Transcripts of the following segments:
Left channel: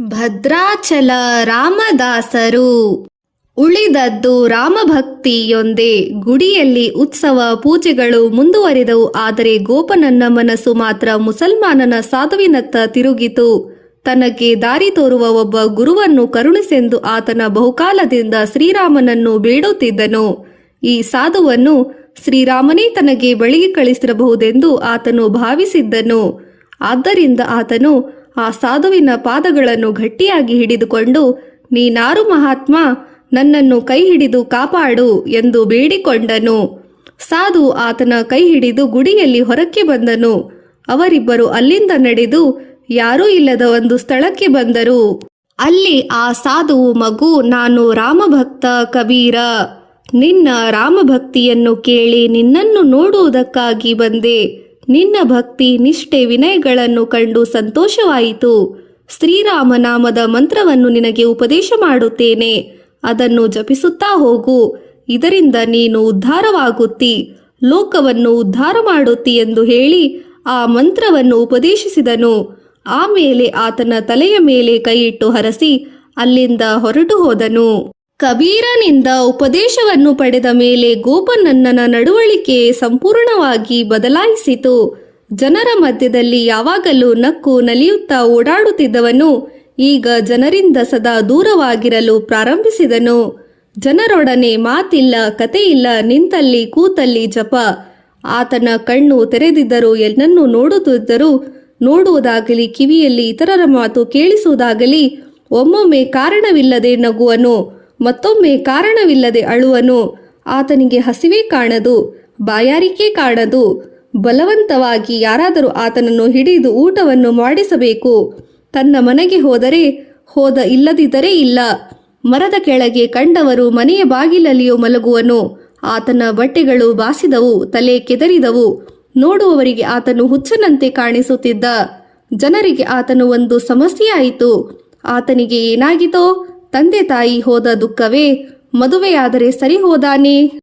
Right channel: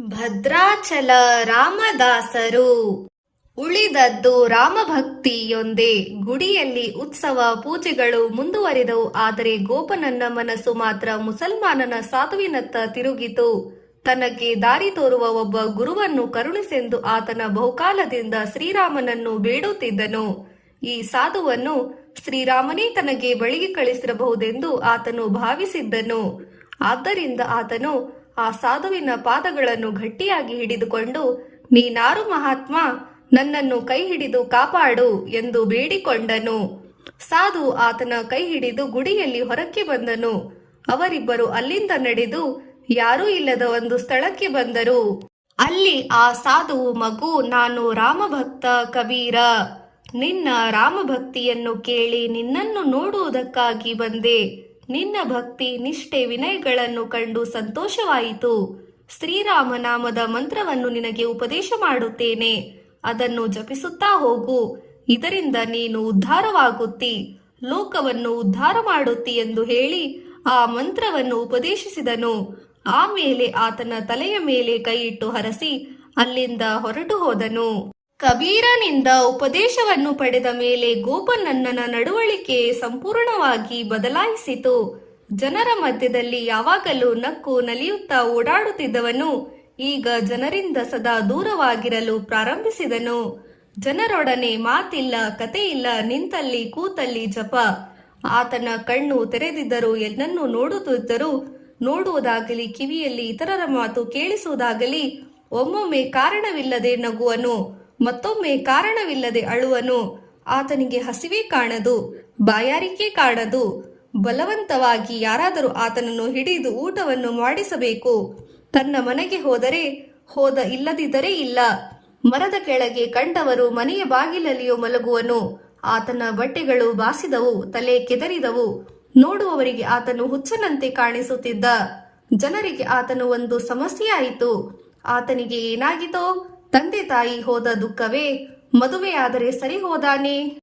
ಭದ್ರಾಚಲ ರಾಮದಾಸರು ಉಳಿದದ್ದು ರಾಮಭಕ್ತಿಯೊಂದೇ. ಗುಡಿಯಲ್ಲಿ ಉತ್ಸವ ಪೂಜೆಗಳು ಮುಂದುವರಿದವು. ಆದರೆ ಗೋಪನನ್ನ ಮನಸ್ಸು ಮಾತ್ರ ಮುಸಲ್ಮಾನನ ಸಾಧುವಿನತ್ತ ತಿರುಗಿತು. ತನಗೆ ದಾರಿ ತೋರುವ ಒಬ್ಬ ಗುರುವನ್ನು ಕರುಣಿಸೆಂದು ಆತನ ಬಹುಕಾಲದಿಂದ ಶ್ರೀರಾಮನನ್ನು ಬೇಡುತ್ತಿದ್ದನು. ಈ ಸಾಧುವನ್ನು ಶ್ರೀರಾಮನೇ ತನಗೆ ಬಳಿಗೆ ಕಳಿಸಿರಬಹುದೆಂದು ಆತನು ಭಾವಿಸಿದ್ದನು. ಆದ್ದರಿಂದ ಆತನು ಆ ಸಾಧುವಿನ ಪಾದಗಳನ್ನು ಗಟ್ಟಿಯಾಗಿ ಹಿಡಿದುಕೊಂಡು, ನೀನಾರು ಮಹಾತ್ಮ, ನನ್ನನ್ನು ಕೈ ಹಿಡಿದು ಕಾಪಾಡು ಎಂದು ಬೇಡಿಕೊಂಡನು. ಸಾಧು ಆತನ ಕೈ ಹಿಡಿದು ಗುಡಿಯಲ್ಲಿ ಹೊರಕ್ಕೆ ಬಂದನು. ಅವರಿಬ್ಬರು ಅಲ್ಲಿಂದ ನಡೆದು ಯಾರೂ ಇಲ್ಲದ ಒಂದು ಸ್ಥಳಕ್ಕೆ ಬಂದರು. ಅಲ್ಲಿ ಆ ಸಾಧುವು, ಮಗು, ನಾನು ರಾಮಭಕ್ತ ಕಬೀರ. ನಿನ್ನ ರಾಮಭಕ್ತಿಯನ್ನು ಕೇಳಿ ನಿನ್ನನ್ನು ನೋಡುವುದಕ್ಕಾಗಿ ಬಂದೆ. ನಿನ್ನ ಭಕ್ತಿ ನಿಷ್ಠೆ ವಿನಯಗಳನ್ನು ಕಂಡು ಸಂತೋಷವಾಯಿತು. ಶ್ರೀರಾಮನಾಮದ ಮಂತ್ರವನ್ನು ನಿನಗೆ ಉಪದೇಶ ಮಾಡುತ್ತೇನೆ. ಅದನ್ನು ಜಪಿಸುತ್ತಾ ಹೋಗು. ಇದರಿಂದ ನೀನು ಉದ್ಧಾರವಾಗುತ್ತಿ, ಲೋಕವನ್ನು ಉದ್ಧಾರ ಮಾಡುತ್ತಿ ಎಂದು ಹೇಳಿ ಆ ಮಂತ್ರವನ್ನು ಉಪದೇಶಿಸಿದನು. ಆಮೇಲೆ ಆತನ ತಲೆಯ ಮೇಲೆ ಕೈಯಿಟ್ಟು ಹರಸಿ ಅಲ್ಲಿಂದ ಹೊರಟು ಹೋದನು. ಕಬೀರನಿಂದ ಉಪದೇಶವನ್ನು ಪಡೆದ ಮೇಲೆ ಗೋಪನನ್ನನ ನಡವಳಿಕೆ ಸಂಪೂರ್ಣವಾಗಿ ಬದಲಾಯಿಸಿತು. ಜನರ ಮಧ್ಯದಲ್ಲಿ ಯಾವಾಗಲೂ ನಕ್ಕು ನಲಿಯುತ್ತಾ ಓಡಾಡುತ್ತಿದ್ದವನು ಈಗ ಜನರಿಂದ ಸದಾ ದೂರವಾಗಿರಲು ಪ್ರಾರಂಭಿಸಿದನು. ಜನರೊಡನೆ ಮಾತಿಲ್ಲ, ಕತೆಯಿಲ್ಲ, ನಿಂತಲ್ಲಿ ಕೂತಲ್ಲಿ ಜಪ. ಆತನ ಕಣ್ಣು ತೆರೆದಿದ್ದರೂ ಎಲ್ಲನ್ನೂ ನೋಡುತ್ತಿದ್ದರೂ, ನೋಡುವುದಾಗಲಿ ಕಿವಿಯಲ್ಲಿ ಇತರರ ಮಾತು ಕೇಳಿಸುವುದಾಗಲಿ, ಒಮ್ಮೊಮ್ಮೆ ಕಾರಣವಿಲ್ಲದೆ ನಗುವನು, ಮತ್ತೊಮ್ಮೆ ಕಾರಣವಿಲ್ಲದೆ ಅಳುವನು. ಆತನಿಗೆ ಹಸಿವೆ ಕಾಣದು, ಬಾಯಾರಿಕೆ ಕಾಣದು. ಬಲವಂತವಾಗಿ ಯಾರಾದರೂ ಆತನನ್ನು ಹಿಡಿದು ಊಟವನ್ನು ಮಾಡಿಸಬೇಕು. ತನ್ನ ಮನೆಗೆ ಹೋದರೆ ಹೋದ, ಇಲ್ಲದಿದ್ದರೆ ಇಲ್ಲ. ಮರದ ಕೆಳಗೆ ಕಂಡವರು ಮನೆಯ ಬಾಗಿಲಲ್ಲಿಯೂ ಮಲಗುವನು. ಆತನ ಬಟ್ಟೆಗಳು ಬಾಸಿದವು, ತಲೆ ಕೆದರಿದವು. ನೋಡುವವರಿಗೆ ಆತನು ಹುಚ್ಚನಂತೆ ಕಾಣಿಸುತ್ತಿದ್ದ. ಜನರಿಗೆ ಆತನು ಒಂದು ಸಮಸ್ಯೆಯಾಯಿತು. ಆತನಿಗೆ ಏನಾಗಿತೋ? ತಂದೆ ತಾಯಿ ಹೋದ ದುಃಖವೇ? ಮದುವೆಯಾದರೆ ಸರಿ ಹೋದಾನೆ?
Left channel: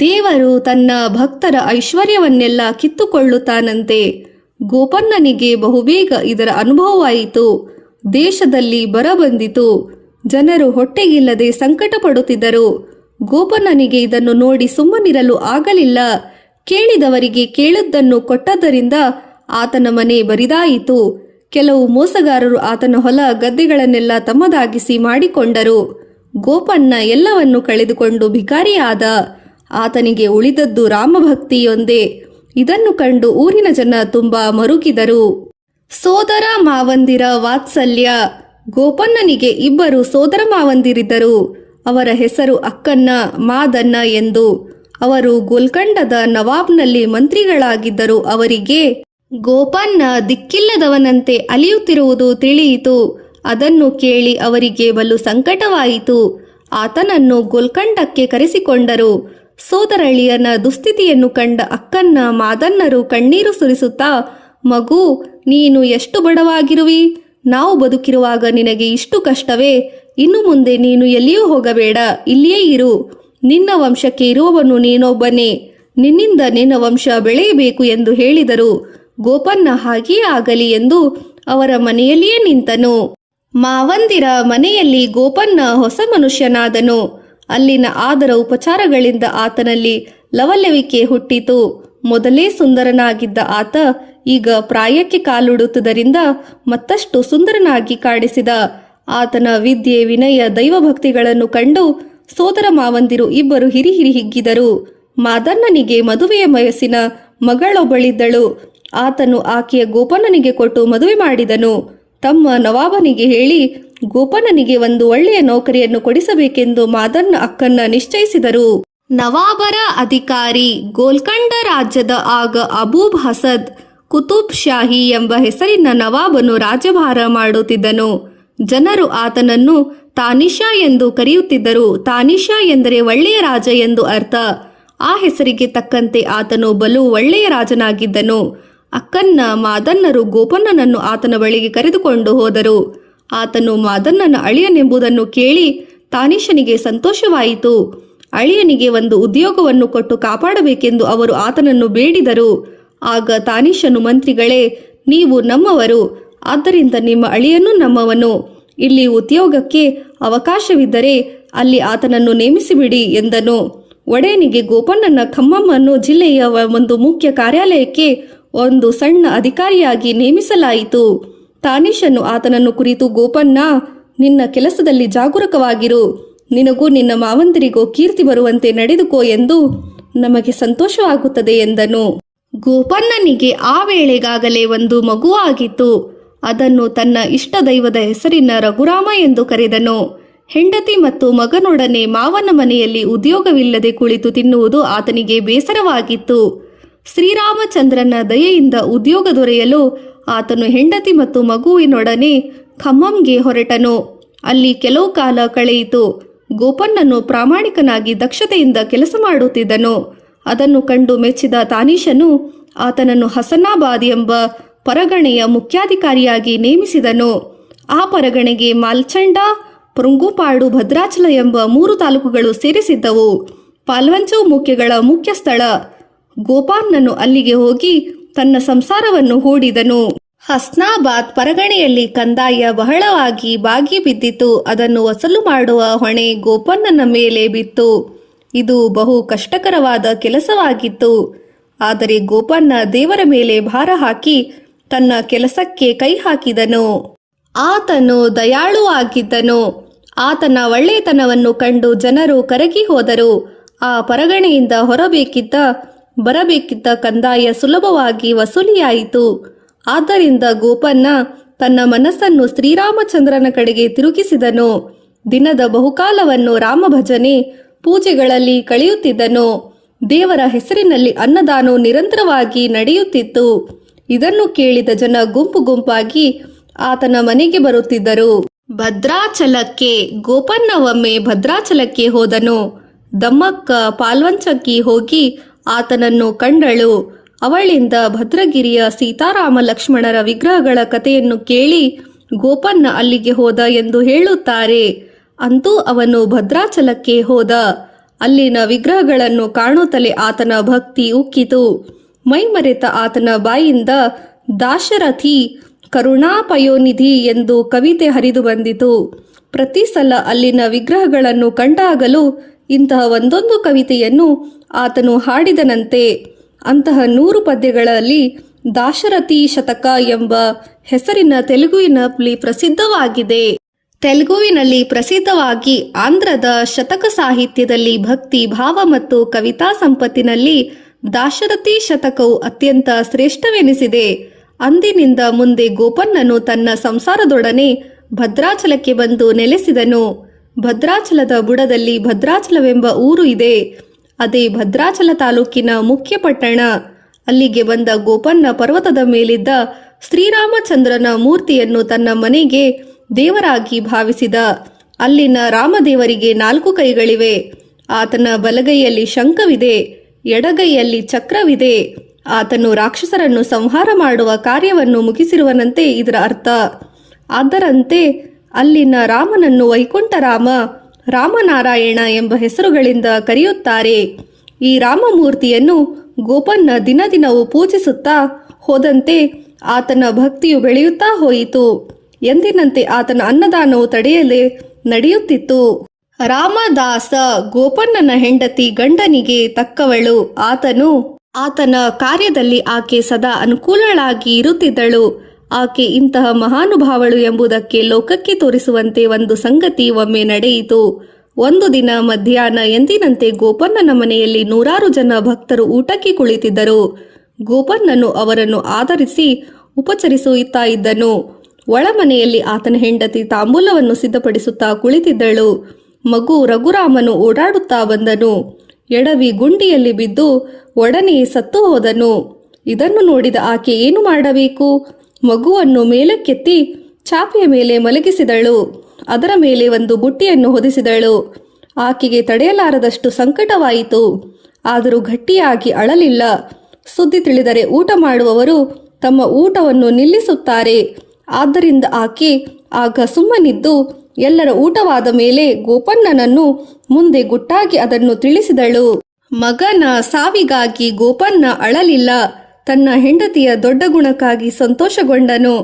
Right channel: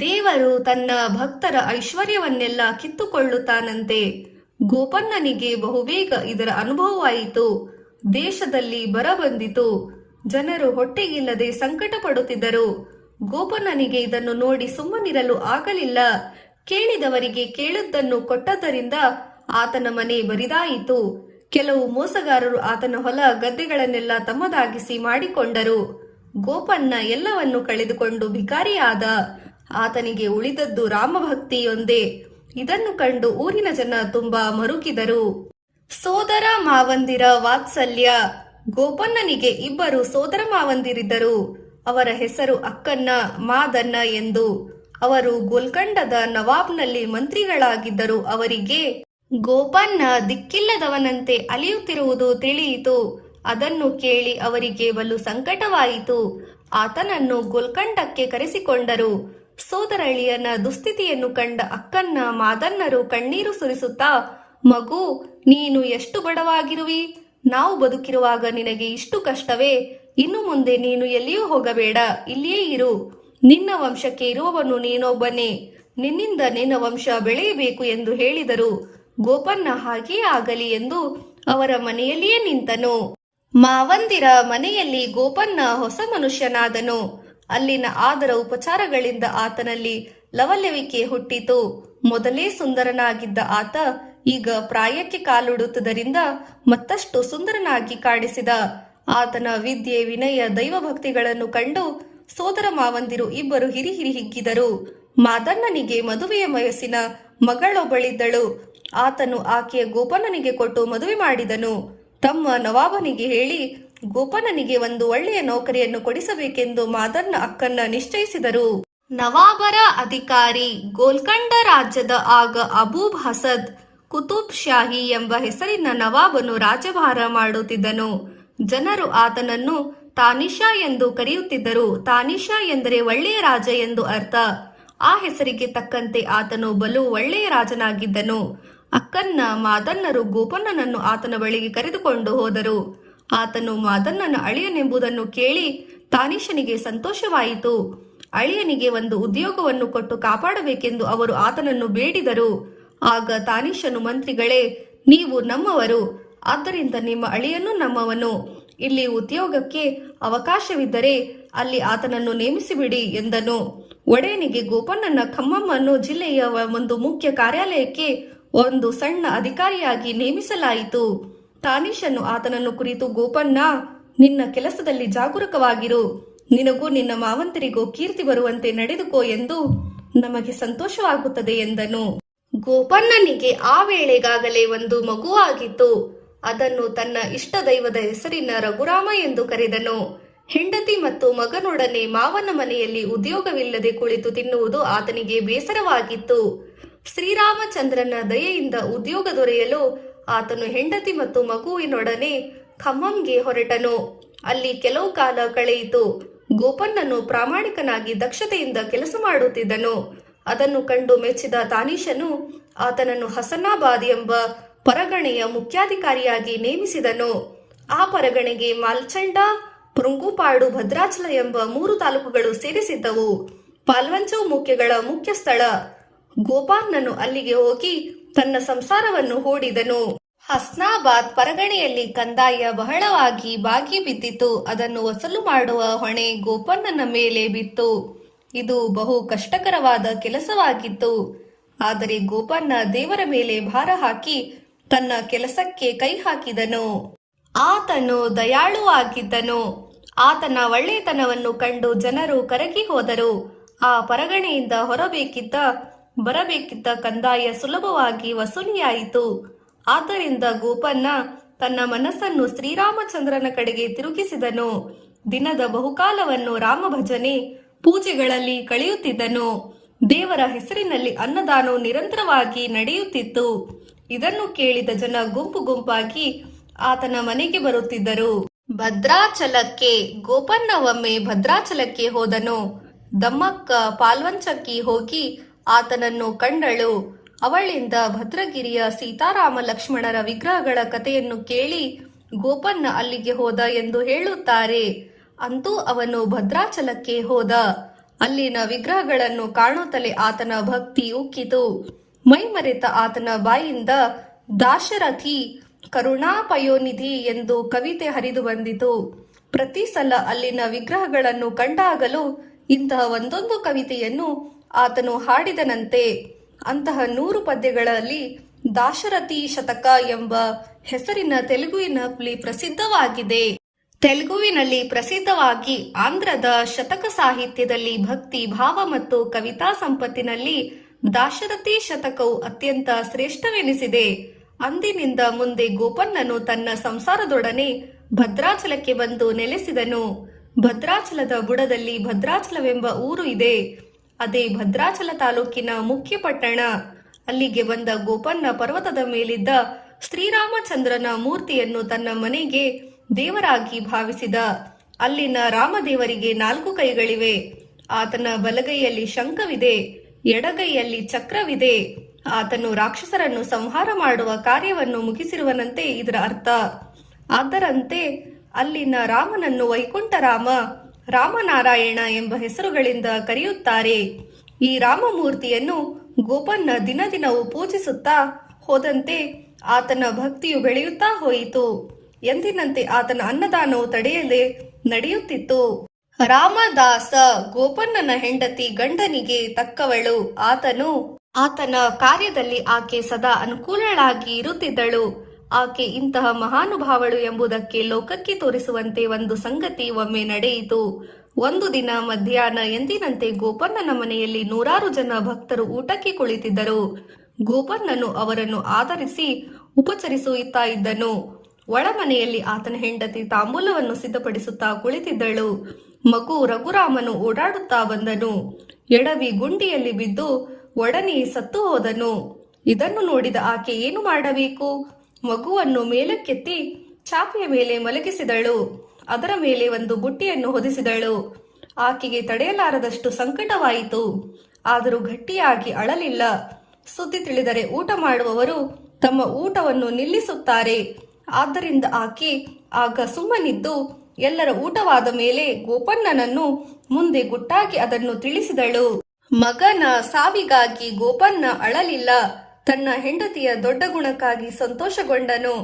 ದೇವರು ತನ್ನ ಭಕ್ತರ ಐಶ್ವರ್ಯವನ್ನೆಲ್ಲ ಕಿತ್ತುಕೊಳ್ಳುತ್ತಾನಂತೆ. ಗೋಪನ್ನನಿಗೆ ಬಹುಬೇಗ ಇದರ ಅನುಭವವಾಯಿತು. ದೇಶದಲ್ಲಿ ಬರ ಬಂದಿತು. ಜನರು ಹೊಟ್ಟೆಗಿಲ್ಲದೆ ಸಂಕಟ ಪಡುತ್ತಿದ್ದರು. ಗೋಪನ್ನನಿಗೆ ಇದನ್ನು ನೋಡಿ ಸುಮ್ಮನಿರಲು ಆಗಲಿಲ್ಲ. ಕೇಳಿದವರಿಗೆ ಕೇಳಿದ್ದನ್ನು ಕೊಟ್ಟದ್ದರಿಂದ ಆತನ ಮನೆ ಬರಿದಾಯಿತು. ಕೆಲವು ಮೋಸಗಾರರು ಆತನ ಹೊಲ ಗದ್ದೆಗಳನ್ನೆಲ್ಲ ತಮ್ಮದಾಗಿಸಿ ಮಾಡಿಕೊಂಡರು. ಗೋಪನ್ನ ಎಲ್ಲವನ್ನು ಕಳೆದುಕೊಂಡು ಭಿಕಾರಿಯಾದ. ಆತನಿಗೆ ಉಳಿದದ್ದು ರಾಮಭಕ್ತಿಯೊಂದೇ. ಇದನ್ನು ಕಂಡು ಊರಿನ ಜನ ತುಂಬಾ ಮರುಗಿದರು. ಸೋದರ ಮಾವಂದಿರ ವಾತ್ಸಲ್ಯ. ಗೋಪನ್ನನಿಗೆ ಇಬ್ಬರು ಸೋದರ ಮಾವಂದಿರಿದ್ದರು. ಅವರ ಹೆಸರು ಅಕ್ಕನ್ನ, ಮಾದನ್ನ ಎಂದು. ಅವರು ಗೋಲ್ಕಂಡದ ನವಾಬ್ನಲ್ಲಿ ಮಂತ್ರಿಗಳಾಗಿದ್ದರು. ಅವರಿಗೆ ಗೋಪನ್ನ ದಿಕ್ಕಿಲ್ಲದವನಂತೆ ಅಲಿಯುತ್ತಿರುವುದು ತಿಳಿಯಿತು. ಅದನ್ನು ಕೇಳಿ ಅವರಿಗೆ ಬಲು ಸಂಕಟವಾಯಿತು. ಆತನನ್ನು ಗೋಲ್ಕಂಡಕ್ಕೆ ಕರೆಸಿಕೊಂಡರು. ಸೋದರಳಿಯನ ದುಸ್ಥಿತಿಯನ್ನು ಕಂಡ ಅಕ್ಕನ್ನ, ಮಾದನ್ನರು ಕಣ್ಣೀರು ಸುರಿಸುತ್ತಾ, ಮಗು, ನೀನು ಎಷ್ಟು ಬಡವಾಗಿರುವಿ. ನಾವು ಬದುಕಿರುವಾಗ ನಿನಗೆ ಇಷ್ಟು ಕಷ್ಟವೇ? ಇನ್ನು ಮುಂದೆ ನೀನು ಎಲ್ಲಿಯೂ ಹೋಗಬೇಡ, ಇಲ್ಲಿಯೇ ಇರು. ನಿನ್ನ ವಂಶಕ್ಕೆ ಇರುವವನು ನೀನೊಬ್ಬನೇ. ನಿನ್ನಿಂದ ನಿನ್ನ ವಂಶ ಬೆಳೆಯಬೇಕು ಎಂದು ಹೇಳಿದರು. ಗೋಪನ್ನ ಹಾಗೆಯೇ ಆಗಲಿ ಎಂದು ಅವರ ಮನೆಯಲ್ಲಿಯೇ ನಿಂತನು. ಮಾವಂದಿರ ಮನೆಯಲ್ಲಿ ಗೋಪನ್ನ ಹೊಸ ಮನುಷ್ಯನಾದನು. ಅಲ್ಲಿನ ಆದರ ಉಪಚಾರಗಳಿಂದ ಆತನಲ್ಲಿ ಲವಲವಿಕೆ ಹುಟ್ಟಿತು. ಮೊದಲೇ ಸುಂದರನಾಗಿದ್ದ ಆತ ಈಗ ಪ್ರಾಯಕ್ಕೆ ಕಾಲುಡುತ್ತದರಿಂದ ಮತ್ತಷ್ಟು ಸುಂದರನಾಗಿ ಕಾಣಿಸಿದ. ಆತನ ವಿದ್ಯೆ, ವಿನಯ, ದೈವಭಕ್ತಿಗಳನ್ನು ಕಂಡು ಸೋದರ ಮಾವಂದಿರು ಇಬ್ಬರು ಹಿರಿ ಹಿಗ್ಗಿದರು. ಮಾದನ್ನನಿಗೆ ಮದುವೆಯ ವಯಸ್ಸಿನ ಮಗಳೊಬ್ಬಳಿದ್ದಳು. ಆತನು ಆಕೆಯ ಗೋಪನ್ನನಿಗೆ ಕೊಟ್ಟು ಮದುವೆ ಮಾಡಿದನು. ತಮ್ಮ ನವಾಬನಿಗೆ ಹೇಳಿ ಗೋಪನ್ನನಿಗೆ ಒಂದು ಒಳ್ಳೆಯ ನೌಕರಿಯನ್ನು ಕೊಡಿಸಬೇಕೆಂದು ಮಾದನ್ನ ಅಕ್ಕನ್ನ ನಿಶ್ಚಯಿಸಿದರು. ನವಾಬರ ಅಧಿಕಾರಿ ಗೋಲ್ಕಂಡ ರಾಜ್ಯದ ಆಗ ಅಬೂಬ್ ಹಸದ್ ಕುತುಬ್ ಶಾಹಿ ಎಂಬ ಹೆಸರಿನ ನವಾಬನು ರಾಜ್ಯಭಾರ ಮಾಡುತ್ತಿದ್ದನು. ಜನರು ಆತನನ್ನು ತಾನಿಷಾ ಎಂದು ಕರೆಯುತ್ತಿದ್ದರು. ತಾನಿಷಾ ಎಂದರೆ ಒಳ್ಳೆಯ ರಾಜ ಎಂದು ಅರ್ಥ. ಆ ಹೆಸರಿಗೆ ತಕ್ಕಂತೆ ಆತನು ಬಲು ಒಳ್ಳೆಯ ರಾಜನಾಗಿದ್ದನು. ಅಕ್ಕನ್ನ, ಮಾದನ್ನರು ಗೋಪನ್ನನನ್ನು ಆತನ ಬಳಿಗೆ ಕರೆದುಕೊಂಡು ಹೋದರು. ಆತನು ಮಾದನ್ನನ ಅಳಿಯನೆಂಬುದನ್ನು ಕೇಳಿ ತಾನಿಷನಿಗೆ ಸಂತೋಷವಾಯಿತು. ಅಳಿಯನಿಗೆ ಒಂದು ಉದ್ಯೋಗವನ್ನು ಕೊಟ್ಟು ಕಾಪಾಡಬೇಕೆಂದು ಅವರು ಆತನನ್ನು ಬೇಡಿದರು. ಆಗ ತಾನಿಷನು, ಮಂತ್ರಿಗಳೇ, ನೀವು ನಮ್ಮವರು, ಆದ್ದರಿಂದ ನಿಮ್ಮ ಅಳಿಯನು ನಮ್ಮವನು. ಇಲ್ಲಿ ಉದ್ಯೋಗಕ್ಕೆ ಅವಕಾಶವಿದ್ದರೆ ಅಲ್ಲಿ ಆತನನ್ನು ನೇಮಿಸಿಬಿಡಿ ಎಂದನು. ಒಡೆಯನಿಗೆ ಗೋಪಣ್ಣನ ಖಮ್ಮಮ್ಮನ್ನು ಜಿಲ್ಲೆಯ ಒಂದು ಮುಖ್ಯ ಕಾರ್ಯಾಲಯಕ್ಕೆ ಒಂದು ಸಣ್ಣ ಅಧಿಕಾರಿಯಾಗಿ ನೇಮಿಸಲಾಯಿತು. ತಾನೀಶನು ಆತನನ್ನು ಕುರಿತು, ಗೋಪಣ್ಣ, ನಿನ್ನ ಕೆಲಸದಲ್ಲಿ ಜಾಗರೂಕವಾಗಿರು, ನಿನಗೂ ನಿನ್ನ ಮಾವಂದಿರಿಗೂ ಕೀರ್ತಿ ಬರುವಂತೆ ನಡೆದುಕೋ ಎಂದು ನಮಗೆ ಸಂತೋಷವಾಗುತ್ತದೆ ಎಂದನು. ಗೋಪಣ್ಣನಿಗೆ ಆ ವೇಳೆಗಾಗಲೇ ಒಂದು ಮಗುವಾಗಿತ್ತು. ಅದನ್ನು ತನ್ನ ಇಷ್ಟ ದೈವದ ಹೆಸರಿನ ರಘುರಾಮ ಎಂದು ಕರೆದನು. ಹೆಂಡತಿ ಮತ್ತು ಮಗನೊಡನೆ ಮಾವನ ಮನೆಯಲ್ಲಿ ಉದ್ಯೋಗವಿಲ್ಲದೆ ಕುಳಿತು ತಿನ್ನುವುದು ಆತನಿಗೆ ಬೇಸರವಾಗಿತ್ತು. ಶ್ರೀರಾಮಚಂದ್ರನ ದಯೆಯಿಂದ ಉದ್ಯೋಗ ದೊರೆಯಲು ಆತನು ಹೆಂಡತಿ ಮತ್ತು ಮಗುವಿನೊಡನೆ ಖಮ್మంಗೆ ಹೊರಟನು. ಅಲ್ಲಿ ಕೆಲವು ಕಾಲ ಕಳೆಯಿತು. ಗೋಪಣ್ಣನು ಪ್ರಾಮಾಣಿಕನಾಗಿ ದಕ್ಷತೆಯಿಂದ ಕೆಲಸ ಮಾಡುತ್ತಿದ್ದನು. ಅದನ್ನು ಕಂಡು ಮೆಚ್ಚಿದ ತಾನೀಶನು ಆತನನ್ನು ಹಸನಾಬಾದ್ ಎಂಬ ಪರಗಣೆಯ ಮುಖ್ಯಾಧಿಕಾರಿಯಾಗಿ ನೇಮಿಸಿದನು. ಆ ಪರಗಣೆಗೆ ಮಾಲ್ಚಂಡ, ಪೃಂಗುಪಾಡು, ಭದ್ರಾಚಲ ಎಂಬ 3 ತಾಲೂಕುಗಳು ಸೇರಿಸಿದ್ದವು. ಪಾಲ್ವಂಚವ್ ಮುಖ್ಯಗಳ ಮುಖ್ಯ ಸ್ಥಳ. ಗೋಪಣ್ಣನು ಅಲ್ಲಿಗೆ ಹೋಗಿ ತನ್ನ ಸಂಸಾರವನ್ನು ಹೂಡಿದನು. ಹಸ್ನಾಬಾದ್ ಪರಗಣೆಯಲ್ಲಿ ಕಂದಾಯ ಬಹಳವಾಗಿ ಬಾಗಿ ಬಿದ್ದಿತು. ಅದನ್ನು ವಸೂಲು ಮಾಡುವ ಹೊಣೆ ಗೋಪಣ್ಣನ ಮೇಲೆ ಬಿತ್ತು. ಇದು ಬಹು ಕಷ್ಟಕರವಾದ ಕೆಲಸವಾಗಿತ್ತು. ಆದರೆ ಗೋಪಣ್ಣ ದೇವರ ಮೇಲೆ ಭಾರ ಹಾಕಿ ತನ್ನ ಕೆಲಸಕ್ಕೆ ಕೈ ಹಾಕಿದನು. ಆತನು ದಯಾಳುವಾಗಿದ್ದನು. ಆತನ ಒಳ್ಳೆಯತನವನ್ನು ಕಂಡು ಜನರು ಕರಗಿ ಹೋದರು. ಆ ಪರಗಣೆಯಿಂದ ಬರಬೇಕಿದ್ದ ಕಂದಾಯ ಸುಲಭವಾಗಿ ವಸೂಲಿಯಾಯಿತು. ಆದ್ದರಿಂದ ಗೋಪಣ್ಣ ತನ್ನ ಮನಸ್ಸನ್ನು ಶ್ರೀರಾಮಚಂದ್ರನ ಕಡೆಗೆ ತಿರುಗಿಸಿದನು. ದಿನದ ಬಹುಕಾಲವನ್ನು ರಾಮಭಜನೆ, ಪೂಜೆಗಳಲ್ಲಿ ಕಳೆಯುತ್ತಿದ್ದನು. ದೇವರ ಹೆಸರಿನಲ್ಲಿ ಅನ್ನದಾನವು ನಿರಂತರವಾಗಿ ನಡೆಯುತ್ತಿತ್ತು. ಇದನ್ನು ಕೇಳಿದ ಜನ ಗುಂಪು ಗುಂಪಾಗಿ ಆತನ ಮನೆಗೆ ಬರುತ್ತಿದ್ದರು. ಭದ್ರಾಚಲಕ್ಕೆ ಗೋಪಣ್ಣ ಒಮ್ಮೆ ಭದ್ರಾಚಲಕ್ಕೆ ಹೋದನು. ದಮ್ಮಕ್ಕ ಪಾಲ್ವಂಚಕ್ಕಿ ಹೋಗಿ ಆತನನ್ನು ಕಂಡಳು. ಅವಳಿಂದ ಭದ್ರಗಿರಿಯ ಸೀತಾರಾಮ ಲಕ್ಷ್ಮಣರ ವಿಗ್ರಹಗಳ ಕಥೆಯನ್ನು ಕೇಳಿ ಗೋಪಣ್ಣ ಅಲ್ಲಿಗೆ ಹೋದ ಎಂದು ಹೇಳುತ್ತಾರೆ. ಅಂತೂ ಅವನು ಭದ್ರಾಚಲಕ್ಕೆ ಹೋದ. ಅಲ್ಲಿನ ವಿಗ್ರಹಗಳನ್ನು ಕಾಣುತ್ತಲೇ ಆತನ ಭಕ್ತಿ ಉಕ್ಕಿತು. ಮೈಮರೆತ ಆತನ ಬಾಯಿಂದ ದಾಶರಥಿ ಕರುಣಾಪಯೋನಿಧಿ ಎಂದು ಕವಿತೆ ಹರಿದು ಬಂದಿತು. ಪ್ರತಿ ಸಲ ಅಲ್ಲಿನ ವಿಗ್ರಹಗಳನ್ನು ಕಂಡಾಗಲೂ ಇಂತಹ ಒಂದೊಂದು ಕವಿತೆಯನ್ನು ಆತನು ಹಾಡಿದನಂತೆ. ಅಂತಹ 100 ಪದ್ಯಗಳಲ್ಲಿ ದಾಶರಥಿ ಶತಕ ಎಂಬ ಹೆಸರಿನ ತೆಲುಗುವಿನಲ್ಲಿ ಪ್ರಸಿದ್ಧವಾಗಿದೆ. ತೆಲುಗುವಿನಲ್ಲಿ ಪ್ರಸಿದ್ಧವಾಗಿ ಆಂಧ್ರದ ಶತಕ ಸಾಹಿತ್ಯದಲ್ಲಿ ಭಕ್ತಿ ಭಾವ ಮತ್ತು ಕವಿತಾ ಸಂಪತ್ತಿನಲ್ಲಿ ದಾಶರಥಿ ಶತಕವು ಅತ್ಯಂತ ಶ್ರೇಷ್ಠವೆನಿಸಿದೆ. ಅಂದಿನಿಂದ ಮುಂದೆ ಗೋಪಣ್ಣನು ತನ್ನ ಸಂಸಾರದೊಡನೆ ಭದ್ರಾಚಲಕ್ಕೆ ಬಂದು ನೆಲೆಸಿದನು. ಭದ್ರಾಚಲದ ಬುಡದಲ್ಲಿ ಭದ್ರಾಚಲವೆಂಬ ಊರು ಇದೆ. ಅದೇ ಭದ್ರಾಚಲ ತಾಲೂಕಿನ ಮುಖ್ಯ ಪಟ್ಟಣ. ಅಲ್ಲಿಗೆ ಬಂದ ಗೋಪಣ್ಣ ಪರ್ವತದ ಮೇಲಿದ್ದ ಶ್ರೀರಾಮಚಂದ್ರನ ಮೂರ್ತಿಯನ್ನು ತನ್ನ ಮನೆಗೆ ದೇವರಾಗಿ ಭಾವಿಸಿದ. ಅಲ್ಲಿನ ರಾಮದೇವರಿಗೆ 4 ಕೈಗಳಿವೆ. ಆತನ ಬಲಗೈಯಲ್ಲಿ ಶಂಖವಿದೆ, ಎಡಗೈಯಲ್ಲಿ ಚಕ್ರವಿದೆ. ಆತನು ರಾಕ್ಷಸರನ್ನು ಸಂಹಾರ ಮಾಡುವ ಕಾರ್ಯವನ್ನು ಮುಗಿಸಿರುವನಂತೆ ಇದರ ಅರ್ಥ. ಅದರಂತೆ ಅಲ್ಲಿನ ರಾಮನನ್ನು ವೈಕುಂಠರಾಮ, ರಾಮನಾರಾಯಣ ಎಂಬ ಹೆಸರುಗಳಿಂದ ಕರೆಯುತ್ತಾರೆ. ಈ ರಾಮಮೂರ್ತಿಯನ್ನು ಗೋಪಣ್ಣ ದಿನದಿನವೂ ಪೂಜಿಸುತ್ತಾ ಹೋದಂತೆ ಆತನ ಭಕ್ತಿಯು ಬೆಳೆಯುತ್ತಾ ಹೋಯಿತು. ಎಂದಿನಂತೆ ಆತನ ಅನ್ನದಾನವು ತಡೆಯದೆ ನಡೆಯುತ್ತಿತ್ತು. ರಾಮದಾಸ ಗೋಪಣ್ಣನ ಹೆಂಡತಿ ಗಂಡನಿಗೆ ತಕ್ಕವಳು. ಆತನ ಕಾರ್ಯದಲ್ಲಿ ಆಕೆ ಸದಾ ಅನುಕೂಲಳಾಗಿ ಇರುತ್ತಿದ್ದಳು. ಆಕೆ ಇಂತಹ ಮಹಾನುಭಾವಳು ಎಂಬುದಕ್ಕೆ ಲೋಕಕ್ಕೆ ತೋರಿಸುವಂತೆ ಒಂದು ಸಂಗತಿ ಒಮ್ಮೆ ನಡೆಯಿತು. ಒಂದು ದಿನ ಮಧ್ಯಾಹ್ನ ಎಂದಿನಂತೆ ಗೋಪಣ್ಣನ ಮನೆಯಲ್ಲಿ 100 ಜನ ಭಕ್ತರು ಊಟಕ್ಕೆ ಕುಳಿತಿದ್ದರು. ಗೋಪಣ್ಣನು ಅವರನ್ನು ಆದರಿಸಿ ಉಪಚರಿಸುತ್ತಾ ಇದ್ದನು. ಒಳಮನೆಯಲ್ಲಿ ಆತನ ಹೆಂಡತಿ ತಾಂಬೂಲವನ್ನು ಸಿದ್ಧಪಡಿಸುತ್ತಾ ಕುಳಿತಿದ್ದಳು. ಮಗು ರಘುರಾಮನು ಓಡಾಡುತ್ತಾ ಬಂದನು. ಎಡವಿ ಗುಂಡಿಯಲ್ಲಿ ಬಿದ್ದು ಒಡನೆ ಸತ್ತು ಹೋದನು. ಇದನ್ನು ನೋಡಿದ ಆಕೆ ಏನು ಮಾಡಬೇಕು? ಮಗುವನ್ನು ಮೇಲಕ್ಕೆತ್ತಿ ಚಾಪೆಯ ಮೇಲೆ ಮಲಗಿಸಿದಳು. ಅದರ ಮೇಲೆ ಒಂದು ಬುಟ್ಟಿಯನ್ನು ಹೊದಿಸಿದಳು. ಆಕೆಗೆ ತಡೆಯಲಾರದಷ್ಟು ಸಂಕಟವಾಯಿತು. ಆದರೂ ಗಟ್ಟಿಯಾಗಿ ಅಳಲಿಲ್ಲ. ಸುದ್ದಿ ತಿಳಿದರೆ ಊಟ ಮಾಡುವವರು ತಮ್ಮ ಊಟವನ್ನು ನಿಲ್ಲಿಸುತ್ತಾರೆ. ಆದ್ದರಿಂದ ಆಕೆ ಆಗ ಸುಮ್ಮನಿದ್ದು ಎಲ್ಲರ ಊಟವಾದ ಮೇಲೆ ಗೋಪಣ್ಣನನ್ನು ಮುಂದೆ ಗುಟ್ಟಾಗಿ ಅದನ್ನು ತಿಳಿಸಿದಳು. ಮಗನ ಸಾವಿಗಾಗಿ ಗೋಪಣ್ಣ ಅಳಲಿಲ್ಲ. ತನ್ನ ಹೆಂಡತಿಯ ದೊಡ್ಡ ಗುಣಕ್ಕಾಗಿ ಸಂತೋಷಗೊಂಡನು.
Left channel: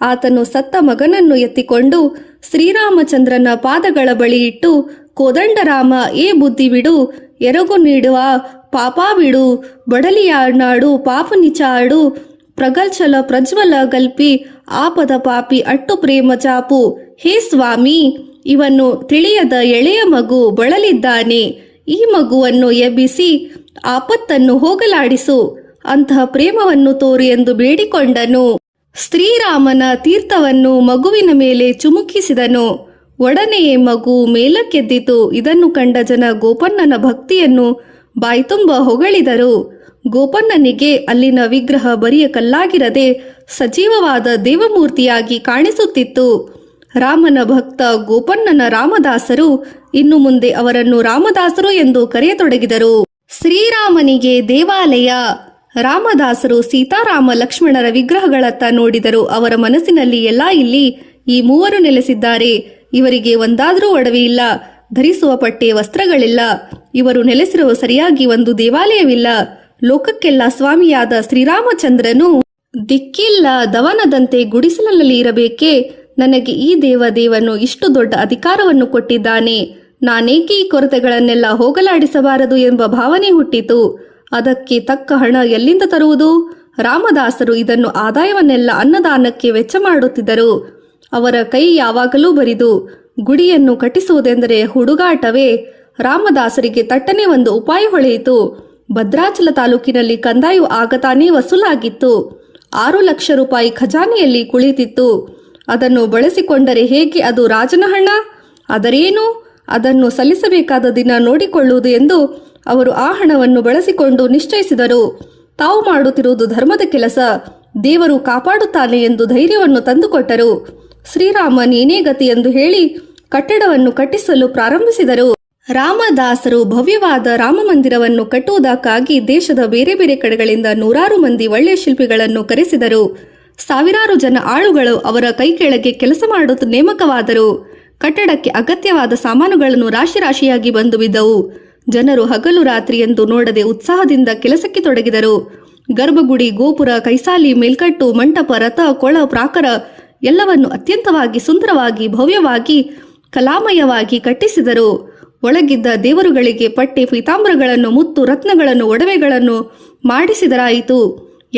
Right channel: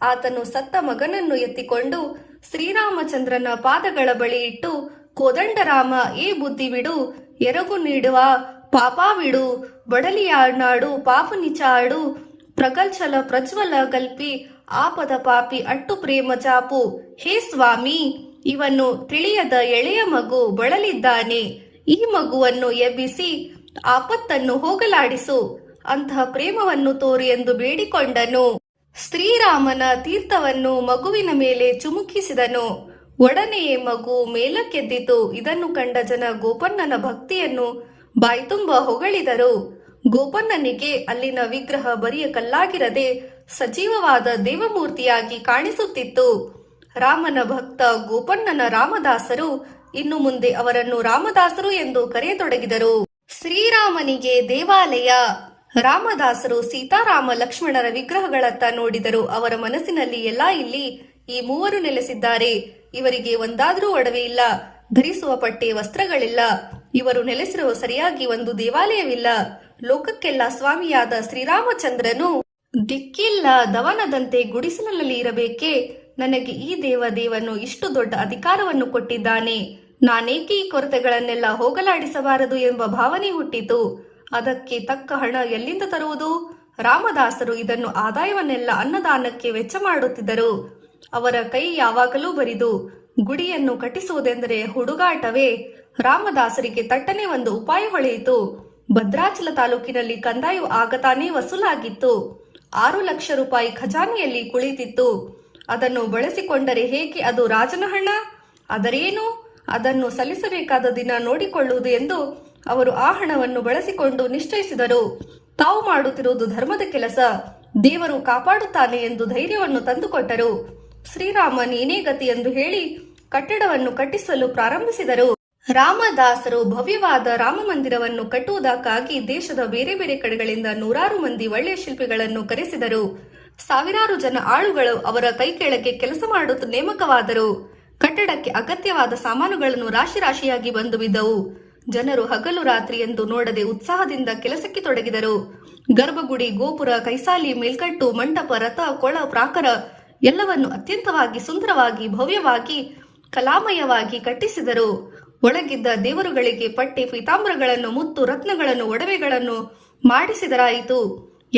ಆತನು ಸತ್ತ ಮಗನನ್ನು ಎತ್ತಿಕೊಂಡು ಶ್ರೀರಾಮಚಂದ್ರನ ಪಾದಗಳ ಬಳಿ ಇಟ್ಟು, ಕೋದಂಡರಾಮ, ಏ ಬುದ್ಧಿ ಬಿಡು, ಎರಗು ನೀಡುವ ಪಾಪ ಬಿಡು, ಬಡಲಿಯಾಡು ಪಾಪನಿಚಾಡು, ಪ್ರಗಲ್ಚಲ ಪ್ರಜ್ವಲ ಗಲ್ಪಿ, ಆಪದ ಪಾಪಿ ಅಟ್ಟು ಪ್ರೇಮ ಚಾಪು. ಹೇ ಸ್ವಾಮಿ, ಇವನು ತಿಳಿಯದ ಎಳೆಯ ಮಗು ಬಳಲಿದ್ದಾನೆ. ಈ ಮಗುವನ್ನು ಎಬ್ಬಿಸಿ ಆಪತ್ತನ್ನು ಹೋಗಲಾಡಿಸು. ಅಂತಹ ಪ್ರೇಮವನ್ನು ತೋರು ಎಂದು ಬೇಡಿಕೊಂಡನು. ಶ್ರೀರಾಮನ ತೀರ್ಥವನ್ನು ಮಗುವಿನ ಮೇಲೆ ಚುಮುಕಿಸಿದನು. ಒಡನೆಯೇ ಮಗು ಮೇಲಕ್ಕೆದ್ದಿತು. ಇದನ್ನು ಕಂಡ ಜನ ಗೋಪಣ್ಣನ ಭಕ್ತಿಯನ್ನು ಬಾಯ್ತುಂಬ ಹೊಗಳಿದರು. ಗೋಪಣ್ಣನಿಗೆ ಅಲ್ಲಿನ ವಿಗ್ರಹ ಬರಿಯ ಕಲ್ಲಾಗಿರದೆ ಸಜೀವವಾದ ದೇವಮೂರ್ತಿಯಾಗಿ ಕಾಣಿಸುತ್ತಿತ್ತು. ರಾಮನ ಭಕ್ತ ಗೋಪಣ್ಣನ ರಾಮದಾಸರು ಇನ್ನು ಮುಂದೆ ಅವರನ್ನು ರಾಮದಾಸರು ಎಂದು ಕರೆಯತೊಡಗಿದರು. ಶ್ರೀರಾಮನಿಗೆ ದೇವಾಲಯ. ರಾಮದಾಸರು ಸೀತಾರಾಮ ಲಕ್ಷ್ಮಣರ ವಿಗ್ರಹಗಳತ್ತ ನೋಡಿದರು. ಅವರ ಮನಸ್ಸಿನಲ್ಲಿ ಇಲ್ಲಿ ಈ ಮೂವರು ನೆಲೆಸಿದ್ದಾರೆ. ಇವರಿಗೆ ಒಂದಾದರೂ ಒಡವೆ ಇಲ್ಲ, ಧರಿಸುವ ಪಟ್ಟೆ ವಸ್ತ್ರಗಳಿಲ್ಲ. ಇವರು ನೆಲೆಸಿರುವ ಸರಿಯಾಗಿ ಒಂದು ದೇವಾಲಯವಿಲ್ಲ. ಲೋಕಕ್ಕೆಲ್ಲ ಸ್ವಾಮಿಯಾದ ಶ್ರೀರಾಮಚಂದ್ರನು ದಿಕ್ಕಿಲ್ಲ ದವನದಂತೆ ಗುಡಿಸಲಲ್ಲಿ ಇರಬೇಕೆ? ನನಗೆ ಈ ದೇವನು ಇಷ್ಟು ದೊಡ್ಡ ಅಧಿಕಾರವನ್ನು ಕೊಟ್ಟಿದ್ದಾನೆ. ನಾನೇಕೆ ಈ ಕೊರತೆಗಳನ್ನೆಲ್ಲ ಹೋಗಲಾಡಿಸಬಾರದು ಎಂಬ ಭಾವನೆ ಹುಟ್ಟಿತು. ಅದಕ್ಕೆ ತಕ್ಕ ಹಣ ಎಲ್ಲಿಂದ ತರುವುದು? ರಾಮದಾಸರು ಇದನ್ನು ಆದಾಯವನ್ನೆಲ್ಲ ಅನ್ನದಾನಕ್ಕೆ ವೆಚ್ಚ ಮಾಡುತ್ತಿದ್ದರು. ಅವರ ಕೈ ಯಾವಾಗಲೂ ಬರಿದು. ಗುಡಿಯನ್ನು ಕಟ್ಟಿಸುವುದೆಂದರೆ ಹುಡುಗಾಟವೇ? ರಾಮದಾಸರಿಗೆ ತಟ್ಟನೆ ಒಂದು ಉಪಾಯ ಹೊಳೆಯಿತು. ಭದ್ರಾಚಲ ತಾಲೂಕಿನಲ್ಲಿ ಕಂದಾಯು ಆಗತಾನೇ ವಸೂಲಾಗಿತ್ತು. 6 ಲಕ್ಷ ರೂಪಾಯಿ ಖಜಾನೆಯಲ್ಲಿ ಕುಳಿತಿತ್ತು. ಅದನ್ನು ಬಳಸಿಕೊಂಡರೆ ಹೇಗೆ? ಅದು ರಾಜನ ಹಣ. ಅದರೇನು? ಅದನ್ನು ಸಲ್ಲಿಸಬೇಕಾದ ದಿನ ನೋಡಿಕೊಳ್ಳುವುದು ಎಂದು ಅವರು ಆ ಹಣವನ್ನು ಬಳಸಿಕೊಂಡು ನಿಶ್ಚಯಿಸಿದರು. ತಾವು ಮಾಡುತ್ತಿರುವುದು ಧರ್ಮದ ಕೆಲಸ, ದೇವರು ಕಾಪಾಡುತ್ತಾನೆ ಎಂದು ಧೈರ್ಯವನ್ನು ತಂದುಕೊಟ್ಟರು. ಶ್ರೀರಾಮ ನೀನೇ ಗತಿ ಎಂದು ಹೇಳಿ ಕಟ್ಟಡವನ್ನು ಕಟ್ಟಿಸಲು ಪ್ರಾರಂಭಿಸಿದರು. ರಾಮದಾಸರು ಭವ್ಯವಾದ ರಾಮ ಮಂದಿರವನ್ನು ಕಟ್ಟುವುದಕ್ಕಾಗಿ ದೇಶದ ಬೇರೆ ಬೇರೆ ಕಡೆಗಳಿಂದ ನೂರಾರು ಮಂದಿ ಒಳ್ಳೆಯ ಶಿಲ್ಪಿಗಳನ್ನು ಕರೆಸಿದರು. ಸಾವಿರಾರು ಜನ ಆಳುಗಳು ಅವರ ಕೈ ಕೆಳಗೆ ಕೆಲಸ ಮಾಡುತ್ತ ನೇಮಕವಾದರು. ಕಟ್ಟಡಕ್ಕೆ ಅಗತ್ಯವಾದ ಸಾಮಾನುಗಳನ್ನು ರಾಶಿ ರಾಶಿಯಾಗಿ ಬಂದು ಬಿದ್ದವು. ಜನರು ಹಗಲು ರಾತ್ರಿ ಎಂದು ನೋಡದೆ ಉತ್ಸಾಹದಿಂದ ಕೆಲಸಕ್ಕೆ ತೊಡಗಿದರು. ಗರ್ಭಗುಡಿ, ಗೋಪುರ, ಕೈಸಾಲಿ, ಮೇಲ್ಕಟ್ಟು, ಮಂಟಪ, ರಥ, ಕೊಳ, ಪ್ರಾಕಾರ ಎಲ್ಲವನ್ನು ಅತ್ಯಂತವಾಗಿ ಸುಂದರವಾಗಿ ಭವ್ಯವಾಗಿ ಕಲಾಮಯವಾಗಿ ಕಟ್ಟಿಸಿದರು. ಒಳಗಿದ್ದ ದೇವರುಗಳಿಗೆ ಪಟ್ಟೆ, ಪೀತಾಂಬರಗಳನ್ನು, ಮುತ್ತು ರತ್ನಗಳನ್ನು, ಒಡವೆಗಳನ್ನು ಮಾಡಿಸಿದರಾಯಿತು.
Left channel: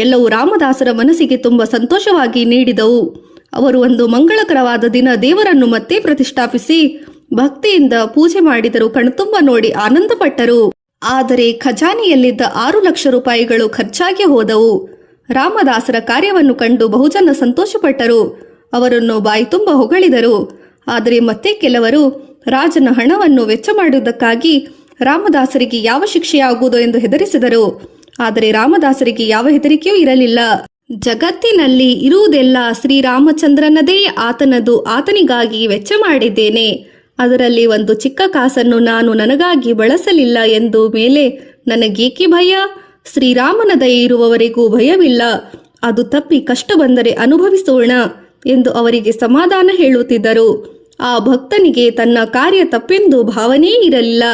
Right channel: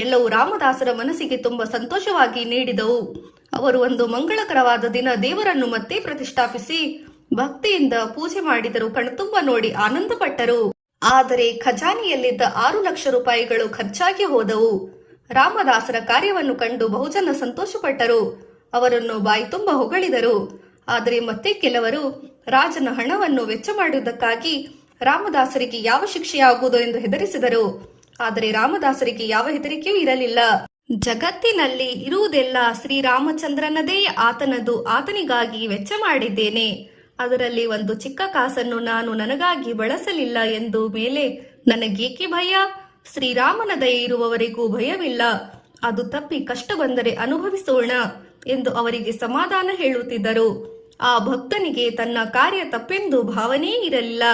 ಎಲ್ಲವೂ ರಾಮದಾಸರ ಮನಸ್ಸಿಗೆ ತುಂಬ ಸಂತೋಷವಾಗಿ ನೀಡಿದವು. ಅವರು ಒಂದು ಮಂಗಳಕರವಾದ ದಿನ ದೇವರನ್ನು ಮತ್ತೆ ಪ್ರತಿಷ್ಠಾಪಿಸಿ ಭಕ್ತಿಯಿಂದ ಪೂಜೆ ಮಾಡಿದರು. ಕಣ್ತುಂಬ ನೋಡಿ ಆನಂದಪಟ್ಟರು. ಆದರೆ ಖಜಾನೆಯಲ್ಲಿದ್ದ 6 ಲಕ್ಷ ರೂಪಾಯಿಗಳು ಖರ್ಚಾಗಿ ಹೋದವು. ರಾಮದಾಸರ ಕಾರ್ಯವನ್ನು ಕಂಡು ಬಹುಜನ ಸಂತೋಷಪಟ್ಟರು. ಅವರನ್ನು ಬಾಯ್ತುಂಬ ಹೊಗಳಿದರು. ಆದರೆ ಮತ್ತೆ ಕೆಲವರು ರಾಜನ ಹಣವನ್ನು ವೆಚ್ಚ ಮಾಡುವುದಕ್ಕಾಗಿ ರಾಮದಾಸರಿಗೆ ಯಾವ ಶಿಕ್ಷೆಯಾಗುವುದು ಎಂದು ಹೆದರಿಸಿದರು. ಆದರೆ ರಾಮದಾಸರಿಗೆ ಯಾವ ಹೆದರಿಕೆಯೂ ಇರಲಿಲ್ಲ. ಜಗತ್ತಿನಲ್ಲಿ ಇರುವುದೆಲ್ಲ ಶ್ರೀರಾಮಚಂದ್ರನದೇ, ಆತನದು, ಆತನಿಗಾಗಿ ವೆಚ್ಚ ಮಾಡಿದ್ದೇನೆ. ಅದರಲ್ಲಿ ಒಂದು ಚಿಕ್ಕ ಕಾಸನ್ನು ನಾನು ನನಗಾಗಿ ಬಳಸಲಿಲ್ಲ ಎಂದು ಮೇಲೆ ನನಗೇಕೆ ಭಯ? ಶ್ರೀರಾಮನ ದಯೆ ಇರುವವರೆಗೂ ಭಯವಿಲ್ಲ. ಅದು ತಪ್ಪಿ ಕಷ್ಟ ಬಂದರೆ ಅನುಭವಿಸೋಣ ಎಂದು ಅವರಿಗೆ ಸಮಾಧಾನ ಹೇಳುತ್ತಿದ್ದರು. ಆ ಭಕ್ತನಿಗೆ ತನ್ನ ಕಾರ್ಯ ತಪ್ಪೆಂದು ಭಾವನೆ ಇರಲಿಲ್ಲ.